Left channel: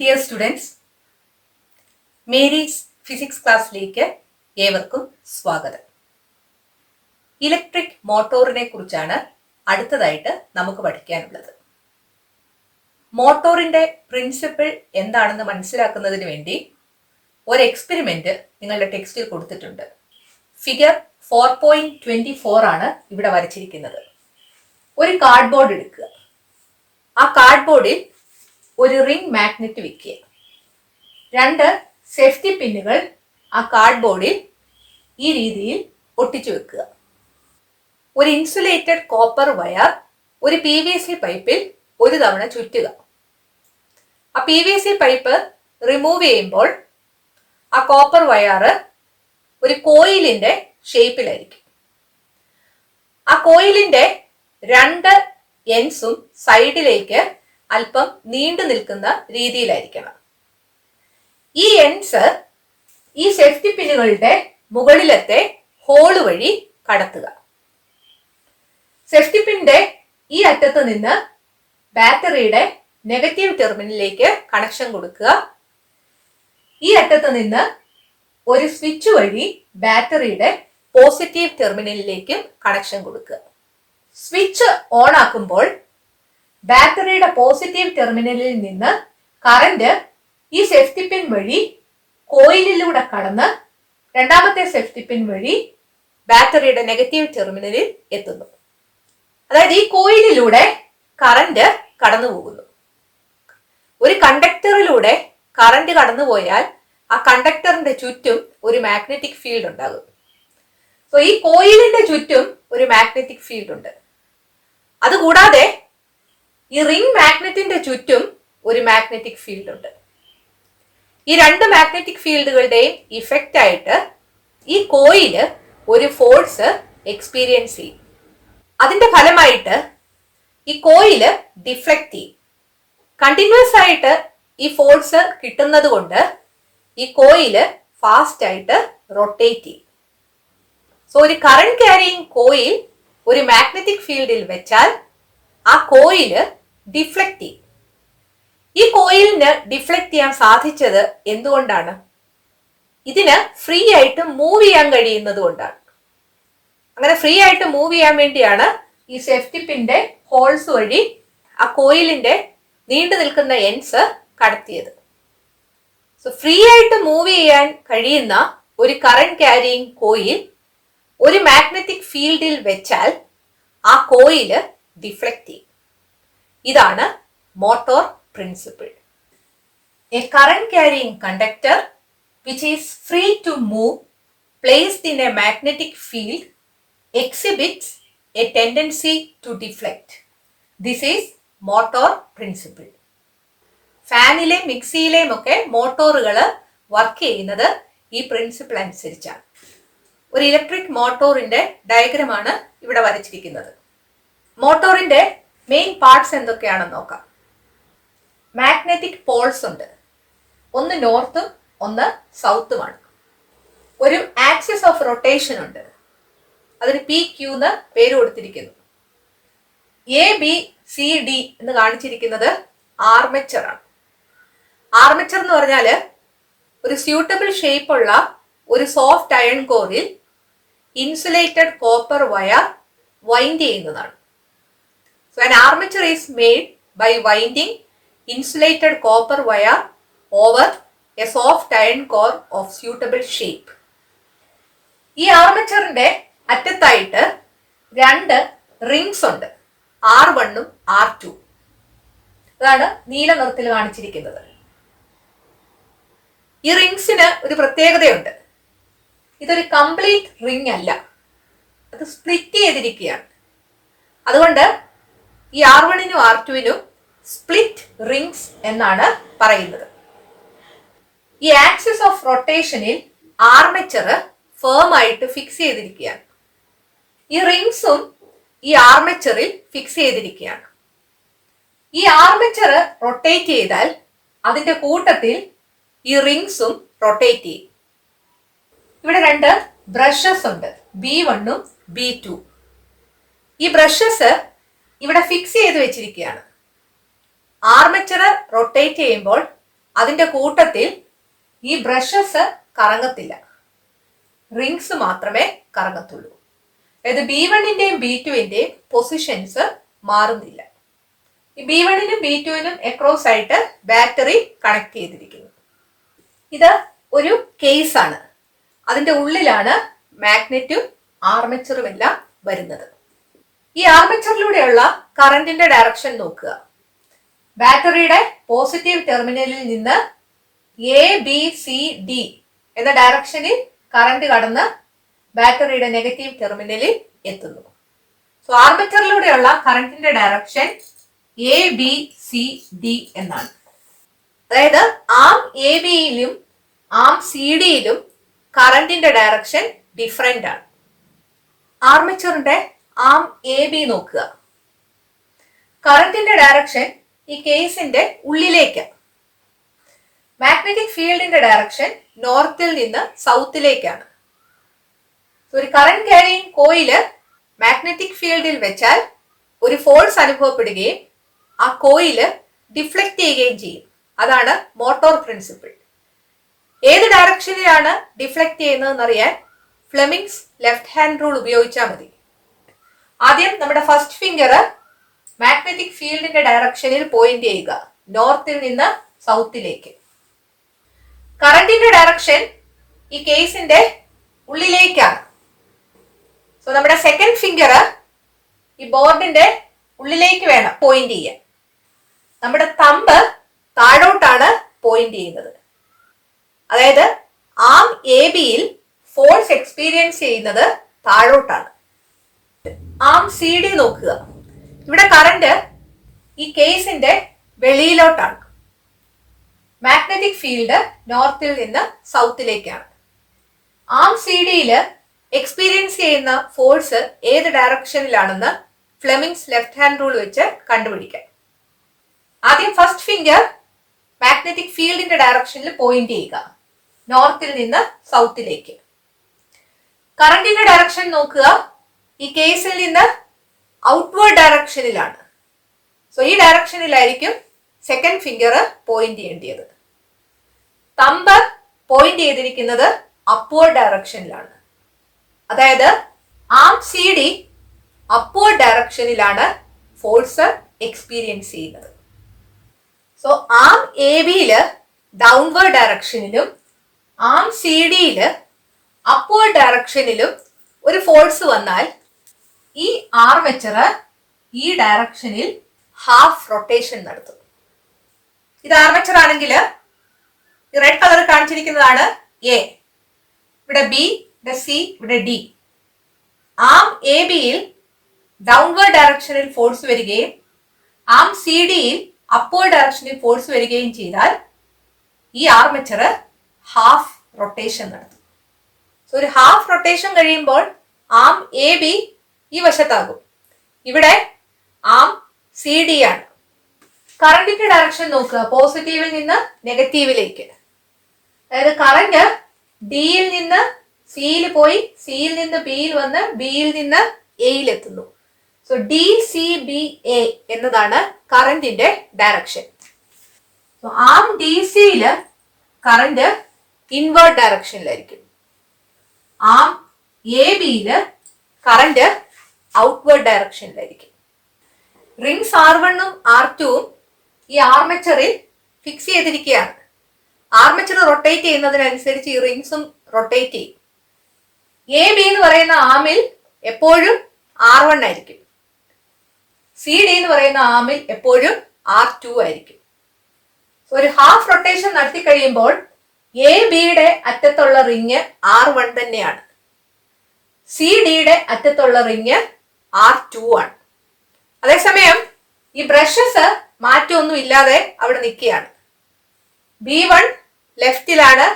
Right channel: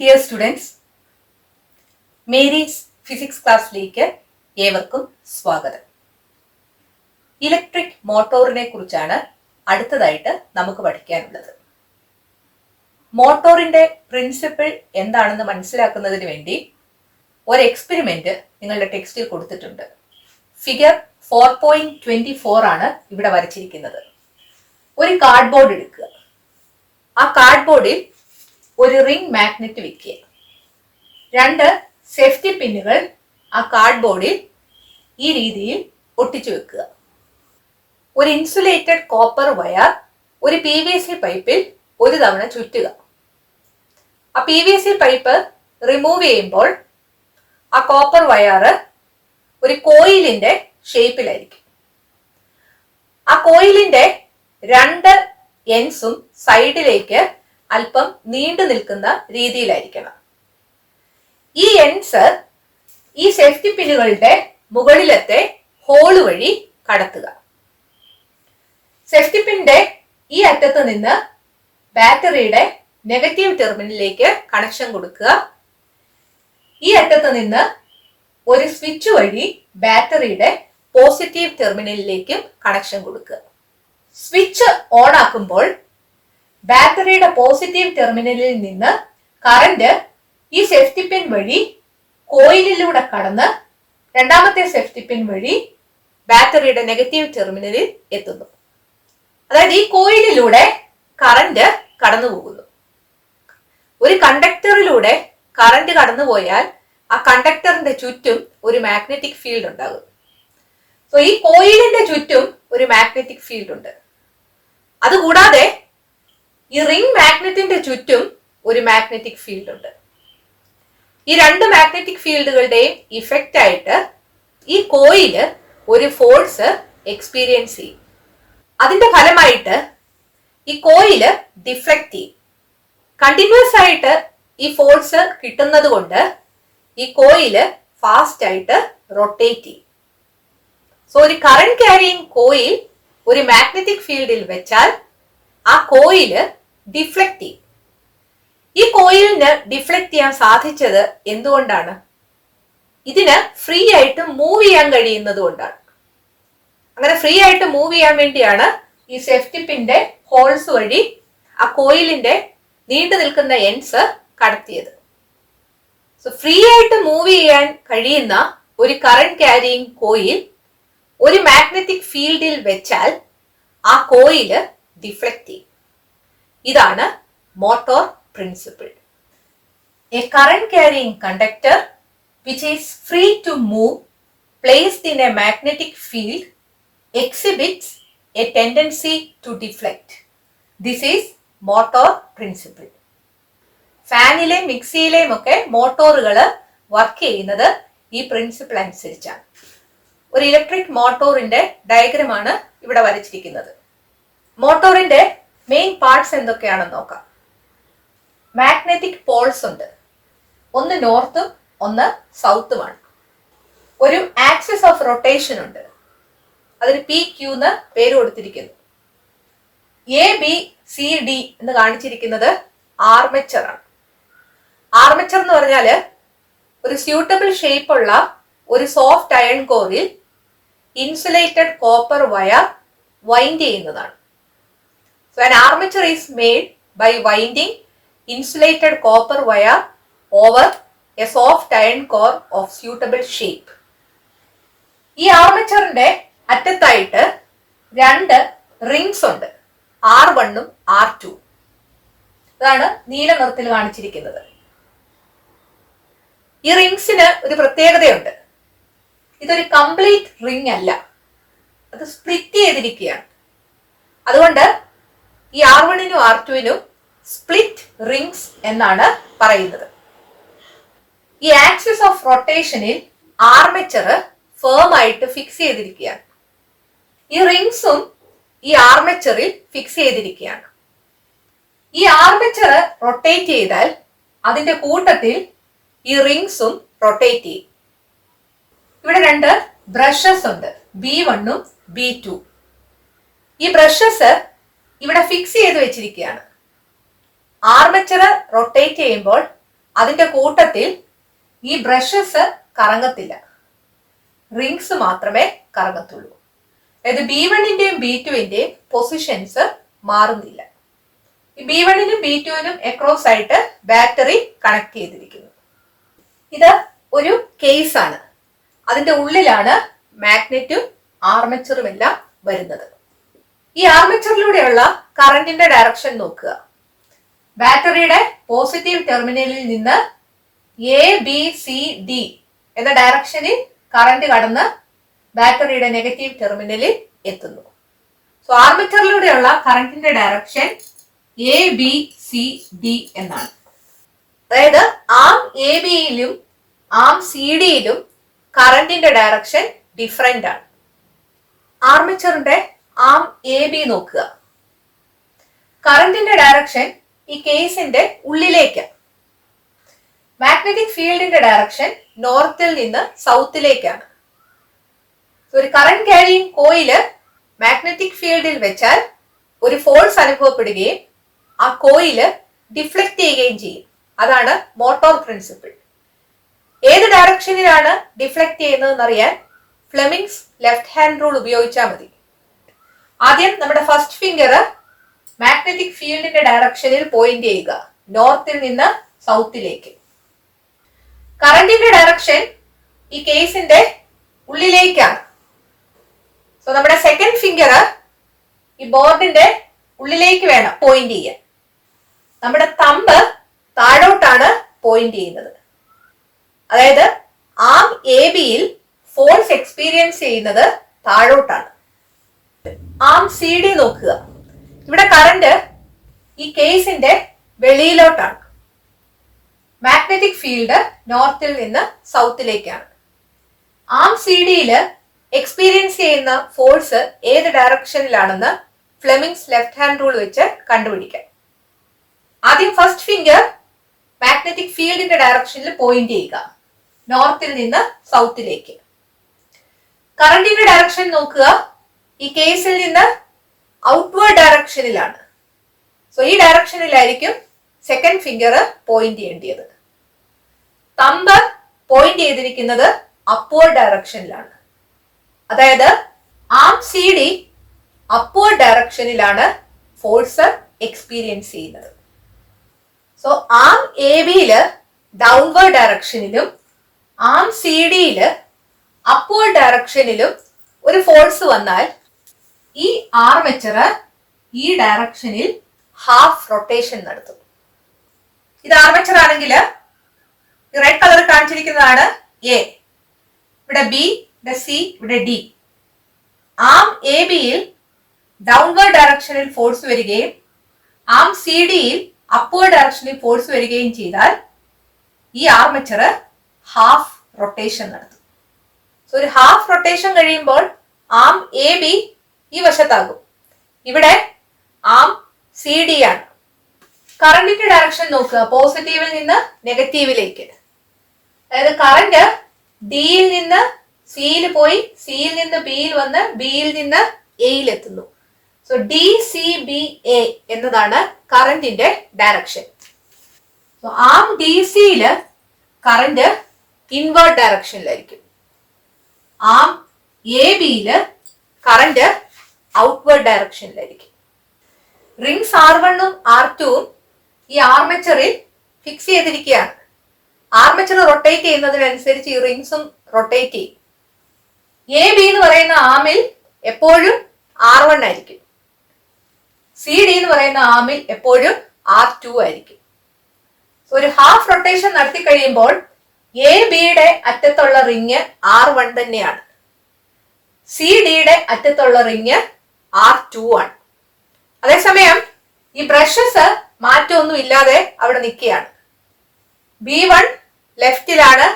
Dear students, Mary's physics ക്ലാസ്സിലേക്ക് ഏവർക്കും സ്വാഗതം. ഇലക്ട്രിക് മോട്ടോറിനെ കുറിച്ചാണ് അടുത്തതായിട്ട് നമുക്ക് പഠിക്കാനുള്ളത്. മോട്ടോറിന്റെ പ്രിൻസിപ്പിൾ എന്താണെന്ന് മനസ്സിലാക്കുന്നതിന് വേണ്ടി ഒരു എക്സ്പെരിമെന്റ് നിങ്ങളുടെ ടെക്സ്റ്റിൽ കൊടുത്തിട്ടുണ്ട്. ഫിഗർ 4.24 ആണ് ഇവിടെ വരച്ചിരിക്കുന്നത്. ഒരു കാർഡ്ബോർഡ് എടുക്കുക. ആ കാർഡ്ബോർഡിൽ ഒരു റിംഗ് മാഗ്നറ്റ് വെക്കുക. 2 സേഫ്റ്റി പിന്നുകൾ ആ കാർഡ്ബോർഡിൽ ഈ രീതിയിൽ ഒട്ടിച്ചു വെക്കുക. ഒരു ഇൻസുലേറ്റഡ് കോപ്പർ വയർ ഒരു PVC പൈപ്പിൽ ഒരു തവണ ചുറ്റുക. ആ PVC പൈപ്പ് റിമൂവ് ചെയ്യുമ്പോൾ ആ കോപ്പർ വയർ ഒരു കോയിലിന്റെ ഷേപ്പിലായിരിക്കും. ആ കോയിലിന്റെ 2 എൻഡ്സും സൈഡിലേക്ക് അല്പം നീണ്ടു നിൽക്കുന്ന രീതിയിലായിരിക്കണം. ഈ എൻഡ്സ് ഈ സേഫ്റ്റി പിന്നുകളുടെ മുകളിലത്തെ ഹോള് വഴി കടത്തുക. സേഫ്റ്റി പിന്നിന്റെ ഈ അറ്റത്ത് നിന്ന് ബാറ്ററിയുടെ നെഗറ്റീവ് ടെർമിനലിലേക്ക് കണക്ഷൻ കൊടുക്കുക. ഈ അറ്റത്ത് നിന്ന് ഒരു സ്വിച്ച് വഴി ബാറ്ററിയുടെ പോസിറ്റീവ് ടെർമിനലിലേക്കും കണക്ഷൻ കൊടുക്കുക. സ്വിച്ച് ഓൺ ആക്കുമ്പോൾ ബാറ്ററിയുടെ പോസിറ്റീവ് ടെർമിനലിൽ നിന്ന് കറന്റ് ഈ സേഫ്റ്റി പിൻ വഴി കോയിലിലൂടെ കടന്ന് രണ്ടാമത്തെ സേഫ്റ്റി പിൻ വഴി ബാറ്ററിയുടെ നെഗറ്റീവ് ടെർമിനലിൽ എത്തുന്നു. അതായത് ഈ കോയിലിലൂടെ കറന്റ് കടന്നു പോകുന്നു. ഒരു കണ്ടക്ടറിലൂടെ കറന്റ് കടന്നുപോയാൽ ആ കണ്ടക്ടറിന്റെ ചുറ്റും ഒരു മാഗ്നറ്റിക് ഫീൽഡ് ഉണ്ടാകും. സോ ഈ കോയിലിന്റെ ചുറ്റും ഒരു മാഗ്നറ്റിക് ഫീൽഡ് ഉണ്ട്. അതുകൂടാതെ ഈ റിംഗ് മാഗ്നറ്റിന്റെ ചുറ്റും ഒരു മാഗ്നറ്റിക് ഫീൽഡ് ഉണ്ട്. ഈ 2 മാഗ്നറ്റിക് ഫീൽഡുകളുടെയും ഇഫക്റ്റ് ആയിട്ട് ഈ കോയില് ഒരു ഫോഴ്സ് എക്സ്പീരിയൻസ് ചെയ്യും. അതിന്റെ ഫലമായിട്ട് ഈ കോയില് ഡിഫ്ലക്ട് ചെയ്യും. കണ്ടിന്യൂസ് ആയിട്ട് ഈ ഫോഴ്സ് കിട്ടുന്നത് കൊണ്ട് ഈ കോയില് ഫാസ്റ്റ് ആയിട്ട് റൊട്ടേറ്റ് ചെയ്യും. സോ ഒരു കറന്റ് ക്യാരിയിങ് കോയിൽ ഒരു മാഗ്നറ്റിക് ഫീൽഡിൽ വെച്ചാൽ ആ കോയില് ഡിഫ്ലക്ട് ചെയ്യും. ഈ കോയിലിന് ഡിഫ്ലക്ട് ചെയ്യാൻ സാധിച്ചത് എന്തുകൊണ്ടാണ്? ഇതിന് ഫ്രീ ആയിട്ട് മൂവ് ചെയ്യാൻ കഴിയുന്നത് കൊണ്ടാണ്. അങ്ങനെ ഫ്രീ ആയിട്ട് മൂവ് ചെയ്യാൻ വേണ്ടിയാണ് ഈ സേഫ്റ്റി പിന്റെ ഹോൾസ് വഴി ആ കോയിലിന്റെ നീണ്ടു നിൽക്കുന്ന എൻഡ്സ് കടത്തിയത്. സോ ഫ്രീ ആയിട്ട് മൂവ് ചെയ്യാൻ കഴിയുന്ന ഒരു കറന്റ് ക്യാരിയിങ് കോയിൽ ഒരു മാഗ്നറ്റിക് ഫീൽഡിൽ വെച്ചാൽ ആ കോയില് ഡിഫ്ലക്ട് ചെയ്യും. ഇതാണ് motor principle. A current carrying conductor which is free to move placed in a magnetic field exhibits a tendency to deflect. This is motor principle. ഫാനിലെ മിക്സിയിലെയും ഒക്കെ മോട്ടോറുകൾ വർക്ക് ചെയ്യുന്നത് ഈ പ്രിൻസിപ്പിൾ അനുസരിച്ചാണ്. ഒരു ഇലക്ട്രിക് മോട്ടോറിന്റെ ഡയഗ്രമാണ് ഇവിടെ വരച്ചിരിക്കുന്നത്. മോട്ടോറിന്റെ മെയിൻ പാർട്സ് എന്തൊക്കെയാണെന്ന് നോക്കാം. മാഗ്നറ്റിക് പോൾസ് ഉണ്ട്. ഒന്ന് നോർത്തും ഒന്ന് സൗത്തുമാണ്. ഒരു ആക്സിസ് ഓഫ് റൊട്ടേഷൻ ഉണ്ട്. അതിന് PQ എന്ന് പേര് കൊടുത്തിരിക്കുന്നു. ABCD എന്ന് കാണിച്ചിരിക്കുന്നത് ആർമേച്ചർ ആണ്. ആർമേച്ചർ എന്ന് പറഞ്ഞാൽ ഒരു സ്യൂട്ടബിൾ ഷേപ്പ് ഉള്ള ഒരു സോഫ്റ്റ് അയൺ കോറിൽ ഇൻസുലേറ്റഡ് കോപ്പർ വയർ വൈൻഡ് ചെയ്യുന്നതാണ്. So an armature is made by winding insulated copper wire over a soft iron core of suitable shape. ഈ ആർമേച്ചറിന്റെ അറ്റത്തായിട്ട് 2 റിംഗ്സ് ഉണ്ട്, R1ഉം R2. അതാണ് നീല നിറത്തിൽ കാണിച്ചിരിക്കുന്നത്. ഈ റിംഗ്സിന് ഒരു പ്രത്യേകതയുണ്ട്. ഇതൊരു കംപ്ലീറ്റ് റിംഗ് അല്ല, അത് സ്പ്ലിറ്റ് ചെയ്തിരിക്കുകയാണ്. അതുകൊണ്ട് ഈ R1നും R2നും സ്പ്ലിറ്റ് റിംഗ്സ് എന്നാണ് പറയുന്നത്. ഈ ആക്സിസ് ഓഫ് റൊട്ടേഷനിൽ ആർമേച്ചർ ഫേം ആയിട്ട് ഫിക്സ് ചെയ്തിരിക്കുകയാണ്. ഈ റിംഗ്സും ഈ ആർമേച്ചറിൽ ഫിക്സ് ചെയ്തിരിക്കുകയാണ്. ഈ ആർമേച്ചർ റൊട്ടേറ്റ് ചെയ്താൽ അതിന്റെ കൂട്ടത്തിൽ ഈ റിംഗ്സും റൊട്ടേറ്റ് ചെയ്യും. ഇവിടെ 2 ബ്രഷസ് ഉണ്ട്, B1ഉം B2. ഈ ബ്രഷസ് ഇവിടെ ഫിക്സ് ചെയ്ത് വെച്ചിരിക്കുകയാണ്. ആർമേച്ചർ റൊട്ടേറ്റ് ചെയ്യുമ്പോൾ അതിന്റെ കൂട്ടത്തിൽ ഈ ബ്രഷസ് കറങ്ങത്തില്ല, റിങ്സ് മാത്രമേ കറങ്ങത്തുള്ളൂ. അതായത് B1ന്റെയും B2ന്റെയും പൊസിഷൻസ് മാറുന്നില്ല. ഈ B1നും B2നും അക്രോസ് ആയിട്ട് ബാറ്ററി കണക്ട് ചെയ്തിരിക്കുന്നു. ഇത് ഒരു കേസ് ആണ്. അതിന്റെ ഉള്ളിലാണ് മാഗ്നറ്റും ആർമേച്ചറും എല്ലാം വരുന്നത്. ഈ ആർമേച്ചറിലൂടെയുള്ള കറന്റിന്റെ ഡയറക്ഷൻ നോക്കുക. ബാറ്ററിയുടെ പോസിറ്റീവ് ടെർമിനലിൽ നിന്ന് ABCD എന്ന ഡയറക്ഷനിൽ കറന്റ് കടന്ന് ബാറ്ററിയുടെ നെഗറ്റീവ് ടെർമിനലിൽ എത്തുന്നു. സോ ആർമേച്ചറിലൂടെയുള്ള കറന്റിന്റെ ഡയറക്ഷൻ ABCD എന്നാണ്. അതായത് ആം AB-യിലും ആം CD-യിലും കറന്റിന്റെ ഡയറക്ഷൻ ഡിഫറെന്റ് ആണ്. ആർമേച്ചറിന്റെ ആം AB നോക്കുക. കറന്റിന്റെ ഡയറക്ഷൻ ഈ കേസിന്റെ ഉള്ളിലേക്ക്. മാഗ്നറ്റിക് ഫീൽഡിന്റെ ഡയറക്ഷൻ നോർത്തിൽ നിന്ന് സൗത്തിലേക്കാണ്. ഒരു കറന്റ് ക്യാരിയിങ് കോയില് മാഗ്നറ്റിക് ഫീൽഡിൽ വെച്ചാൽ ഒരു ഫോഴ്സ് അനുഭവപ്പെടുകയും ആ കോയില് ഡിഫ്ലക്ട് ചെയ്യുകയും ചെയ്യും. അതാണ് മോട്ടോർ പ്രിൻസിപ്പിൾ. ഏത് ഡയറക്ഷനിലാണ് ഡിഫ്ലക്ട് ചെയ്യുന്നതെന്ന് അറിയാൻ ഫ്ലെമിങ്സ് ലെഫ്റ്റ് ഹാൻഡ് റൂൾ ഉപയോഗിച്ചാൽ മതി. ആദ്യം നമ്മുടെ ഫസ്റ്റ് ഫിംഗർ മാഗ്നറ്റിക് ഫീൽഡിന്റെ ഡയറക്ഷനിൽ പോയിന്റ് ചെയ്യുക, നോർത്തിൽ നിന്ന് സൗത്തിലേക്ക്. കറന്റിന്റെ ഡയറക്ഷൻ ഈ കേസിന്റെ ഉള്ളിലേക്കാണ്. സോ നമ്മുടെ സെക്കൻഡ് ഫിംഗർ ഈ ബോർഡിന്റെ ഉള്ളിലേക്ക് വേണം പോയിന്റ് ചെയ്യാൻ. നമ്മുടെ തമ്പ് താഴോട്ടാണ് പോയിന്റ് ചെയ്യുന്നത്. അതായത് ആം AB-യിൽ ഫോഴ്സ് എക്സ്പീരിയൻസ് ചെയ്യുന്നത് താഴോട്ടാണ്. ആം CD നോക്കുക. ഇവിടെ കറന്റ് ഈ കേസിന്റെ വെളിയിലോട്ടാണ്. മാഗ്നറ്റിക് ഫീൽഡ് നോർത്തിൽ നിന്ന് സൗത്തിലേക്കാണ്. ആം CD-യില് എക്സ്പീരിയൻസ് ചെയ്യുന്ന ഫോഴ്സ് ഏത് ഡയറക്ഷനിലാണെന്ന് ഫ്ലെമിങ്സ് ലെഫ്റ്റ് ഹാൻഡ് റൂൾ വെച്ച് കണ്ടുപിടിക്കാം. ആദ്യം ഫസ്റ്റ് ഫിംഗർ മാഗ്നറ്റിക് ഫീൽഡിന്റെ ഡയറക്ഷനിൽ പോയിന്റ് ചെയ്യുക, നോർത്തിൽ നിന്ന് സൗത്തിലേക്ക്. കറന്റിന്റെ ഡയറക്ഷൻ നോക്കുക. ഈ കേസിൽ നിന്ന് ഔട്ട്വേർഡ് ഡയറക്ഷനിലാണ്. സോ ഈ ഡയറക്ഷനിലായിരിക്കും സെക്കൻഡ് ഫിംഗർ പോയിന്റ് ചെയ്യേണ്ടത്. തമ്പ് പോയിന്റ് ചെയ്തിരിക്കുന്നത് അപ്വേർഡ് ഡയറക്ഷനിലാണ്. അതായത് ആം CD അപ്വേർഡ് ഡയറക്ഷനിലാണ് ഫോഴ്സ് എക്സ്പീരിയൻസ് ചെയ്യുന്നത്. സോ ആം AB-യില് ഡൗൺവേർഡ് ഡയറക്ഷനിലും ആം CD-യില് അപ്വേർഡ് ഡയറക്ഷനിലും ഒരു ഫോഴ്സ് വന്നാൽ ഈ ആർമേച്ചർ ഈ ഡയറക്ഷനിൽ ഹാഫ് റൊട്ടേഷൻ നടത്തും. ഇത് ആർമേച്ചർ ആണെങ്കിൽ റെഡ് കളർ കാണിച്ചിരിക്കുന്നതാണ് A, ഇവിടെ B, ഇവിടെ C, ഇവിടെ D. ആം AB-യിൽ ഡൗൺവേർഡ് ഡയറക്ഷനിൽ ഫോഴ്സ് വരികയും ആം CD-യിൽ അപ്വേർഡ് ഡയറക്ഷനിൽ ഫോഴ്സ് വരികയും ചെയ്താൽ ഈ ആർമേച്ചർ ഹാഫ് റൊട്ടേഷൻ നടത്തും. സോ ഒരു ഹാഫ് റൊട്ടേഷൻ കഴിയുമ്പോൾ ആം AB ഈ വശത്താകും. ഇവിടെ ആം CD ആണ്. കറന്റിന്റെ ഡയറക്ഷൻ നോക്കുക. പോസിറ്റീവിൽ നിന്ന് നെഗറ്റീവിലേക്ക്. അതായത് കറന്റ് ഡിയിൽ നിന്ന് സിയിൽ പോയി, സിയിൽ നിന്ന് ബിയിൽ വന്ന് ബിയിൽ നിന്ന് എയിൽ എത്തുന്നു. സോ DCBA എന്നതാണ് കറന്റിന്റെ ഡയറക്ഷൻ. സോ ആം DCയില് കറന്റ് ഇൻവേർട്ട് ഡയറക്ഷനിലായിരിക്കും. ആം AB-യില് കറന്റ് ഔട്ട്വേർഡ് ഡയറക്ഷനിലായിരിക്കും. റിങ്സ് R1ഉം R2ഉം ഈ ആർമേച്ചറിൽ ഫിക്സ് ചെയ്തിരിക്കുകയാണ്. ആർമേച്ചർ റൊട്ടേറ്റ് ചെയ്യുന്നതിനനുസരിച്ച് ഈ റിങ്സും റൊട്ടേറ്റ് ചെയ്യും. AB എന്ന് പറയുന്ന ആമിൽ എപ്പോഴും R1 ആയിരിക്കും. CD എന്ന് പറയുന്ന ആമിൽ എപ്പോഴും R2 ആയിരിക്കും. ഒരു ഹാഫ് റൊട്ടേഷൻ നടത്തി കഴിയുമ്പോൾ AB-യുടെ അറ്റത്തുള്ള റിങ് R1 തന്നെയാണ്. CD-യുടെ അറ്റത്തുള്ള റിങ് R2 ആണ്. അതേസമയം ഈ ബ്രഷസ് മാറ്റമൊന്നും ഇല്ലാതെ അവിടെ നിൽക്കുകയാണ്. B1 ലെഫ്റ്റിലാണ്,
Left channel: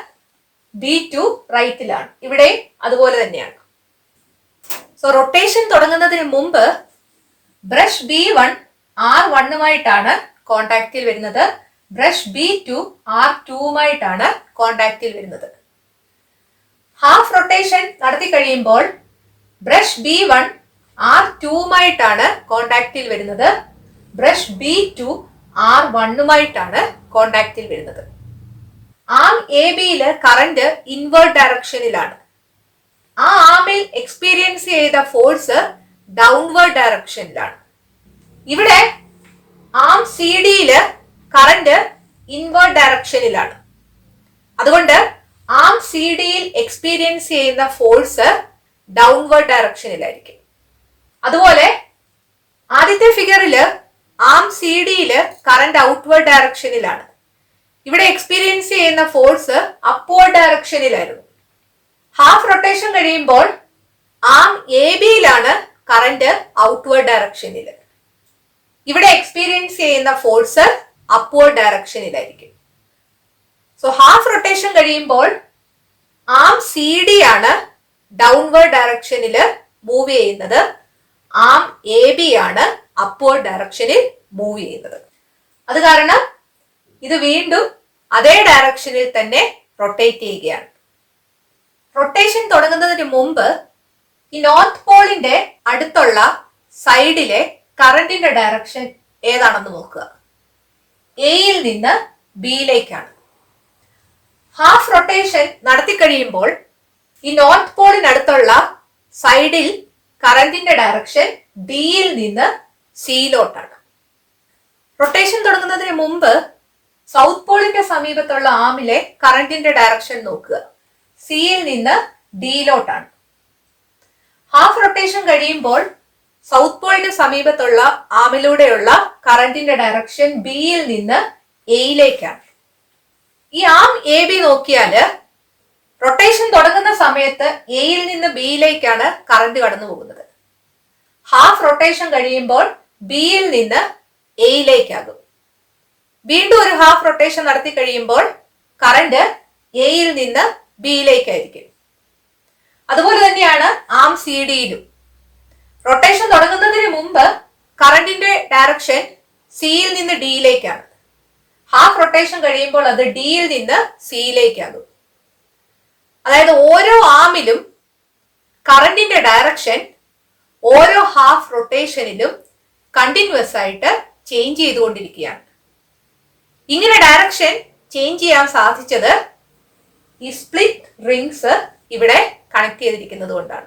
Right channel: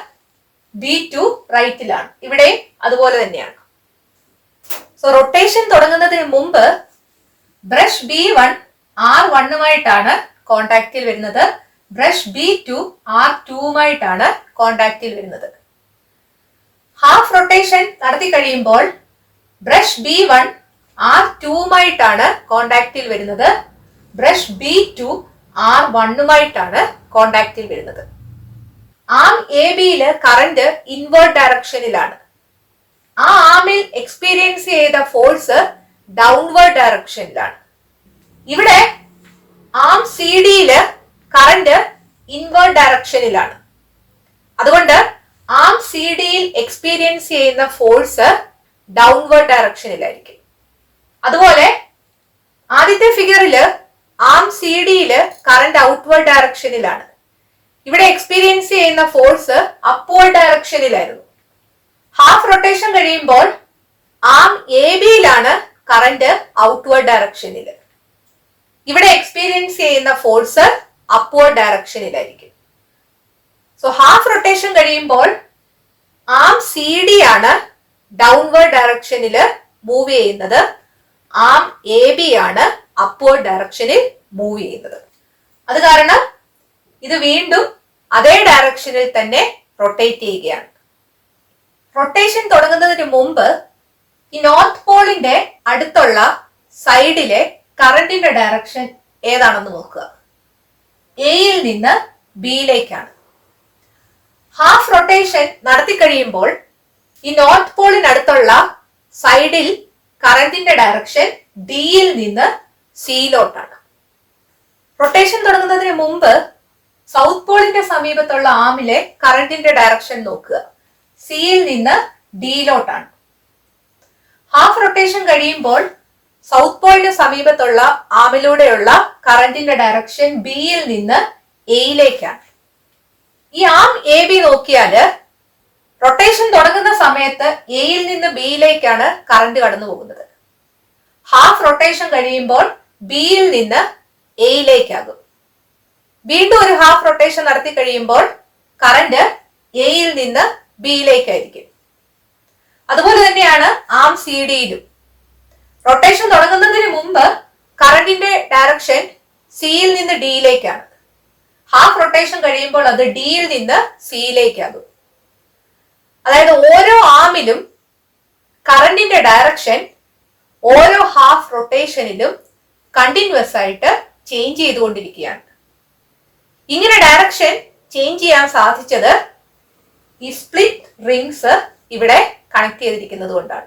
B2 റൈറ്റിലാണ്. ഇവിടെയും അതുപോലെ തന്നെയാണ്. സോ റൊട്ടേഷൻ തുടങ്ങുന്നതിന് മുമ്പ് ബ്രഷ് B1 R1ഉമായിട്ടാണ് കോണ്ടാക്റ്റിൽ വരുന്നത്. ബ്രഷ് B2 R2ഉമായിട്ടാണ് കോണ്ടാക്റ്റിൽ വരുന്നത്. ഹാഫ് റൊട്ടേഷൻ നടത്തി കഴിയുമ്പോൾ ബ്രഷ് B1 R2ഉമായിട്ടാണ് കോണ്ടാക്റ്റിൽ വരുന്നത്. ബ്രഷ് B2 R1ഉമായിട്ടാണ് കോണ്ടാക്റ്റിൽ വരുന്നത്. ആം എ ബിയില് കറന്റ് ഇൻവേർട്ട് ഡയറക്ഷനിലാണ്. ആ ആമിൽ എക്സ്പീരിയൻസ് ചെയ്ത ഫോഴ്സ് ഡൗൺവേർഡ് ഡയറക്ഷനിലാണ്. ഇവിടെ ആം സി ഡിയില് കറന്റ് ഇൻവേർട്ട് ഡയറക്ഷനിലാണ്. അതുകൊണ്ട് ആം സി ഡിയിൽ എക്സ്പീരിയൻസ് ചെയ്യുന്ന ഫോഴ്സ് ഡൗൺവേർഡ് ഡയറക്ഷനിലായിരിക്കും. അതുപോലെ ആദ്യത്തെ ഫിഗറില് ആം സി ഡിയില് കറന്റ് ഔട്ട്വേർഡ് ഡയറക്ഷനിലാണ്. ഇവിടെ എക്സ്പീരിയൻസ് ചെയ്യുന്ന ഫോഴ്സ് അപ്വേർഡ് ഡയറക്ഷനിലായിരുന്നു. ഹാഫ് റൊട്ടേഷൻ കഴിയുമ്പോൾ ആം എ ബിയിലാണ് കറന്റ് ഔട്ട്വേർഡ് ഡയറക്ഷനിൽ. ഇവിടെ എക്സ്പീരിയൻസ് ചെയ്യുന്ന ഫോഴ്സ് അപ്വേർഡ് ഡയറക്ഷനിലായിരിക്കും. സോ ഹാഫ് റൊട്ടേഷൻ കഴിയുമ്പോൾ ആം സി ഡി ആണ് ഡൗൺവേർഡ് ഡയറക്ഷനിൽ മൂവ് ചെയ്യുന്നത്. ആം എ ബി ആണ് അപ്വേർഡ് ഡയറക്ഷനിൽ മൂവ് ചെയ്യുന്നത്. അത് കാരണം ഇത് വീണ്ടും അതേ ഡയറക്ഷനിൽ തന്നെ റൊട്ടേറ്റ് ചെയ്യുകയാണ്. റൊട്ടേഷൻ തുടങ്ങുന്നതിന് മുമ്പ് ഈ നോർത്ത് പോളിന്റെ അടുത്തുള്ള സൈഡിലെ കറന്റിന്റെ ഡയറക്ഷൻ ഏതാണെന്ന് നോക്കുക. എയിൽ നിന്ന് ബിയിലേക്കാണ്. ഹാഫ് റൊട്ടേഷൻ നടത്തി കഴിയുമ്പോൾ ഈ നോർത്ത് പോളിനടുത്തുള്ള സൈഡിൽ കറന്റിന്റെ ഡയറക്ഷൻ ഡിയിൽ നിന്ന് സിയിലോട്ടാണ്. റൊട്ടേഷൻ തുടങ്ങുന്നതിന് മുമ്പ് സൗത്ത് പോളിന്റെ സമീപത്തുള്ള ആമിലെ കറന്റിന്റെ ഡയറക്ഷൻ നോക്കുക. സിയിൽ നിന്ന് ഡിയിലോട്ടാണ്. ഹാഫ് റൊട്ടേഷൻ കഴിയുമ്പോൾ സൗത്ത് പോളിന് സമീപത്തുള്ള ആമിലൂടെയുള്ള കറന്റിന്റെ ഡയറക്ഷൻ ബിയിൽ നിന്ന് എയിലേക്കാണ്. ഈ ആം എ ബി നോക്കിയാല് റൊട്ടേഷൻ തുടങ്ങുന്ന സമയത്ത് എയിൽ നിന്ന് ബിയിലേക്കാണ് കറന്റ് കടന്നു പോകുന്നത്. ഹാഫ് റൊട്ടേഷൻ കഴിയുമ്പോൾ ബിയിൽ നിന്ന് എയിലേക്കാകും. വീണ്ടും ഒരു ഹാഫ് റൊട്ടേഷൻ നടത്തി കഴിയുമ്പോൾ കറന്റ് എയിൽ നിന്ന് ബിയിലേക്കായിരിക്കും. അതുപോലെ തന്നെയാണ് ആം സി ഡിയിലും. റൊട്ടേഷൻ തുടങ്ങുന്നതിന് മുമ്പ് കറന്റിന്റെ ഡയറക്ഷൻ സിയിൽ നിന്ന് ഡിയിലേക്കാണ്. ഹാഫ് റൊട്ടേഷൻ കഴിയുമ്പോൾ അത് ഡിയിൽ നിന്ന് സിയിലേക്കാകും. അതായത് ഓരോ ആമിലും കറന്റിന്റെ ഡയറക്ഷൻ ഓരോ ഹാഫ് റൊട്ടേഷനിലും കണ്ടിന്യൂസ് ആയിട്ട് ചേഞ്ച് ചെയ്തുകൊണ്ടിരിക്കുകയാണ്. ഇങ്ങനെ ഡയറക്ഷൻ ചേഞ്ച് ചെയ്യാൻ സാധിച്ചത് ഈ സ്പ്ലിറ്റ് റിംഗ്സ് ഇവിടെ കണക്ട് ചെയ്തിരിക്കുന്നത് കൊണ്ടാണ്.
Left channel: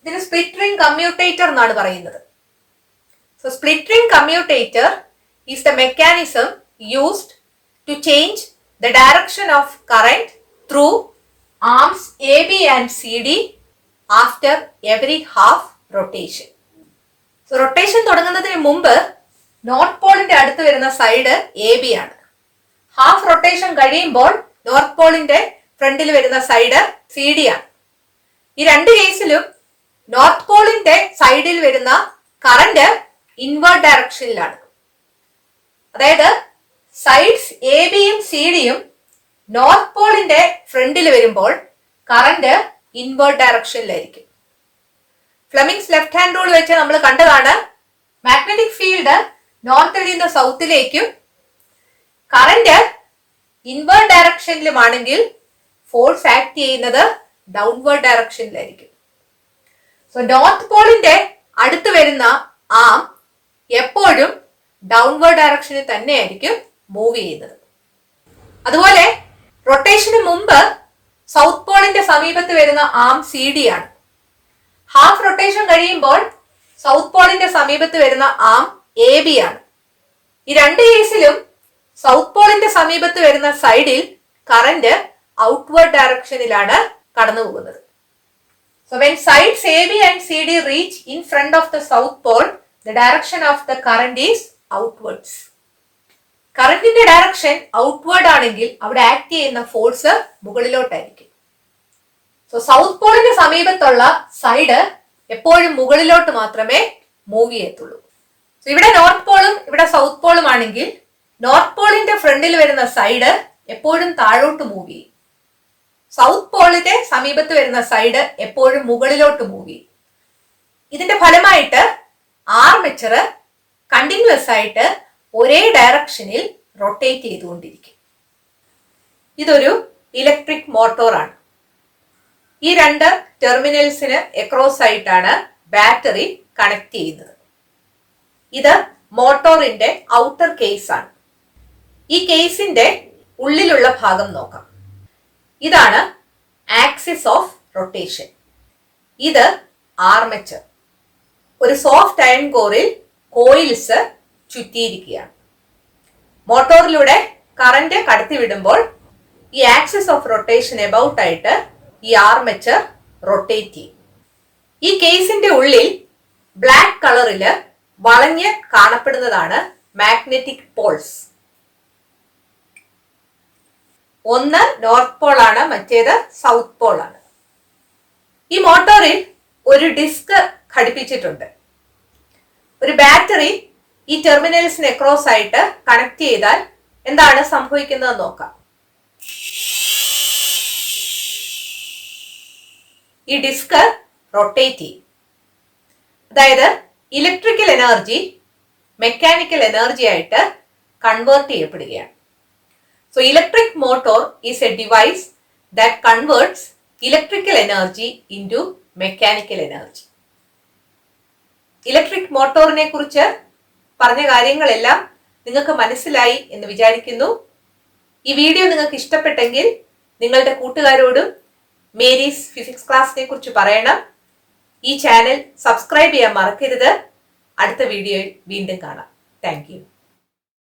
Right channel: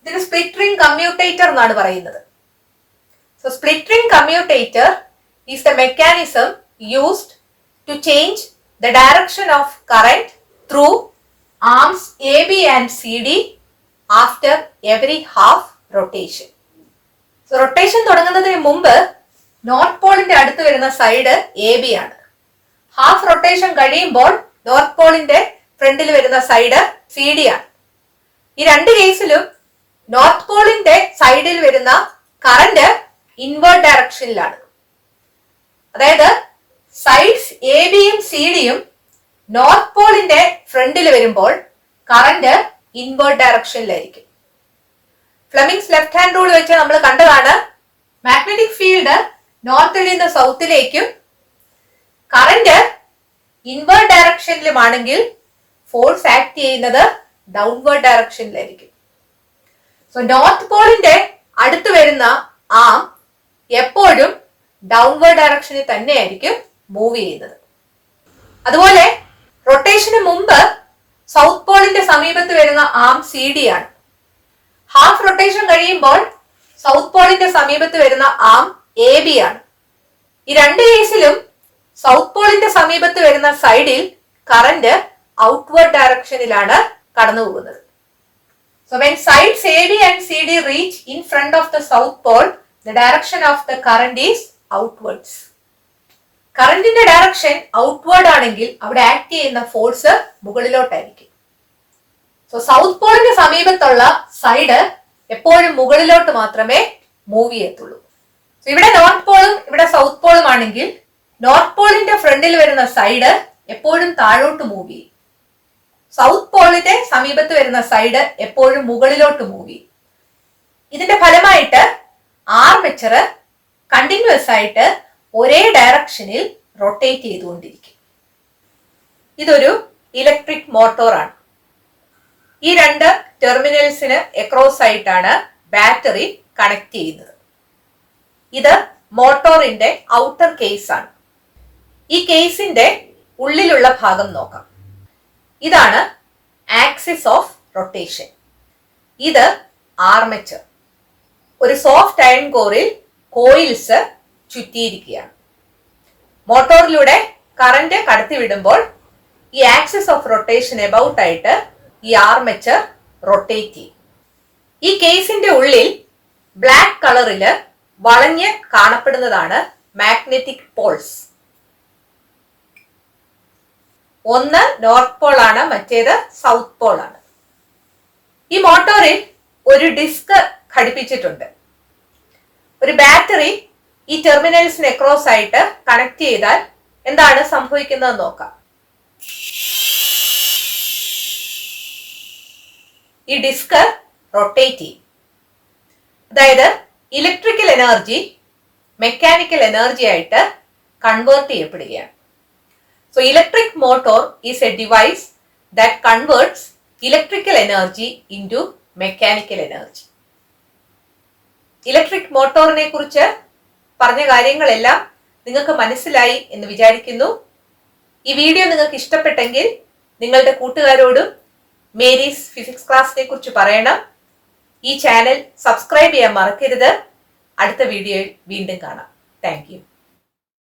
ഇതിന് സ്പ്ലിറ്റ് റിംഗ് കമ്മ്യൂട്ടേറ്റർ എന്നാണ് പറയുന്നത്. So split ring commutator is the mechanism used to change the direction of current through arms AB and CD after every half rotation. So rotation തുടങ്ങുന്നതിന് മുമ്പ് north പോളിന്റെ അടുത്ത് വരുന്ന സൈഡ് എ ബി ആണ്. Half rotation കഴിയുമ്പോൾ north പോളിന്റെ ഫ്രണ്ടിൽ വരുന്ന സൈഡ് സി ഡി ആണ്. ഈ രണ്ട് കേസിലും നോർത്ത് പോളിന്റെ സൈഡിൽ വരുന്ന കറന്റ് ഇൻവേർട്ട് ഡയറക്ഷനിലാണ്. അതായത് സൈഡ്സ് എ ബിയും സി ഡിയും നോർത്ത് പോളിന്റെ ഫ്രണ്ടിൽ വരുമ്പോൾ കറന്റ് ഇൻവേർട്ട് ഡയറക്ഷനിലായിരിക്കും. ഫ്ലെമിങ്സ് ലെഫ്റ്റ് ഹാൻഡ് റൂൾ വെച്ച് നമ്മൾ കണ്ടതാണ്, മാഗ്നറ്റിക് ഫീൽഡ് നോർത്തിൽ നിന്ന് സൗത്തിലേക്കും കറന്റ് ഇൻവേർട്ട് ഡയറക്ഷനിലുമാണെങ്കിൽ ഫോഴ്സ് ആക്ട് ചെയ്യുന്നത് ഡൗൺവേർഡ് ഡയറക്ഷനിലായിരിക്കും. സോ നോർത്ത് പോളിന്റെ അടുത്ത് വരുന്ന ആം എപ്പോഴും ഡൗൺവേർഡ് ഡയറക്ഷനിൽ തന്നെയായിരിക്കും മൂവ് ചെയ്യുന്നത്. അതുപോലെ റൊട്ടേഷന് മുമ്പ് സൗത്ത് പോളിന്റെ സമീപത്ത് വരുന്ന ആം സി ഡി ആണ്. ഹാഫ് റൊട്ടേഷൻ കഴിയുമ്പോൾ സൗത്ത് പോളിന്റെ സമീപത്ത് വരുന്ന ആം എ ബി ആണ്. ഈ രണ്ട് കേസിലും സൗത്ത് പോളിന്റെ സമീപത്ത് വരുന്ന സൈഡിൽ കറന്റ് ഔട്ട്വേർഡ് ഡയറക്ഷനിലാണ് കടന്നു പോകുന്നത്. So when sides AB and CD reach in front of the south pole, the direction of the current is outwards. കറന്റിന്റെ ഡയറക്ഷൻ ഔട്ട്വേർഡ് ആണെങ്കിൽ അവിടെ ആക്ട് ചെയ്യുന്ന ഫോഴ്സ് മുകളിലോട്ടായിരിക്കും. സോ സൗത്ത് പോളിന്റെ സമീപത്തുള്ള സൈഡ് എപ്പോഴും മുകളിലോട്ട് മാത്രമേ മൂവ് ചെയ്യത്തുള്ളൂ. സോ ഇവിടെ നോർത്ത് പോളും ഇവിടെ സൗത്ത് പോളും ആണെങ്കിൽ നോർത്ത് പോളിന്റെ ഫ്രണ്ടിൽ വരുന്ന സൈഡ് എപ്പോഴും താഴോട്ട് മൂവ് ചെയ്യും. സൗത്ത് പോളിന്റെ സമീപത്ത് വരുന്ന സൈഡ് എപ്പോഴും മുകളിലോട്ട് മൂവ് ചെയ്യും. ഇതിന്റെ ഫലമായിട്ട് ആർമേച്ചർ കണ്ടിന്യൂസ് ആയിട്ട് ഒരേ ഡയറക്ഷനിൽ റൊട്ടേറ്റ് ചെയ്തുകൊണ്ടിരിക്കും. ഇതൊരു ഇലക്ട്രിക് മോട്ടോറാണ്. ഈ രണ്ട് ടെർമിനൽസിന് എക്രോസ് ആയിട്ടാണ് ബാറ്ററി കണക്ട് ചെയ്യുന്നത്. ഇത് മോട്ടോറിന്റെ ഔട്ടർ കേസ് ആണ്. ഈ കേസിന്റെ ഉള്ളിലുള്ള ഭാഗം നോക്കാം. ഇതാണ് ആക്സിസ് ഓഫ് റൊട്ടേഷൻ. ഇത് ആർമേച്ചർ. ഒരു സോഫ്റ്റ് അയൺ കോറിൽ കോയിൽസ് ചുറ്റിയിരിക്കുകയാണ്. മോട്ടോറിലൂടെ കറന്റ് കടത്തിവിടുമ്പോൾ ഈ ആക്സിസ് ഓഫ് റൊട്ടേഷൻ എബൌട്ട് ആയിട്ട് ഈ ആർമേച്ചർ റൊട്ടേറ്റ് ചെയ്യും. ഈ കേസിന്റെ ഉള്ളിൽ ബ്ലാക്ക് കളറില് വളഞ്ഞ് കാണപ്പെടുന്നതാണ് മാഗ്നറ്റിക് പോൾസ്. ഒന്ന് നോർത്ത് പോൾ ആണ്, മറ്റേത് സൗത്ത് പോൾ ആണ്. ഈ മോട്ടോറിൽ ഒരു ഡിസ്ക് ഘടിപ്പിച്ചിട്ടുണ്ട്. ഒരു ബാറ്ററി ഈ ടെർമിനൽസിന് അക്രോസ് ആയിട്ട് കണക്ട് ചെയ്താൽ എന്താണ് സംഭവിക്കുന്നത് നോക്കാം. ഈ ഡിസ്ക് റൊട്ടേറ്റ് ചെയ്യും. അതായത് ഇലക്ട്രിക്കൽ എനർജി മെക്കാനിക്കൽ എനർജി ആയിട്ട് കൺവേർട്ട് ചെയ്യപ്പെടുകയാണ്. So electric motor is a device that converts electrical energy into mechanical energy. Electric മോട്ടോറിനെ കുറിച്ച് പറഞ്ഞ കാര്യങ്ങളെല്ലാം നിങ്ങൾക്ക് മനസ്സിലായി എന്ന് വിചാരിക്കുന്നു. ഈ വീഡിയോ നിങ്ങൾക്ക് ഇഷ്ടപ്പെട്ടെങ്കിൽ നിങ്ങളുടെ കൂട്ടുകാരോടും മേരീസ് ഫിസിക്സ് ക്ലാസിനെ കുറിച്ച് പറയണം. ഈ ചാനൽ സബ്സ്ക്രൈബ് ചെയ്യാൻ മറക്കരുത്. അടുത്ത വീഡിയോയിൽ വീണ്ടും കാണാം. Thank you.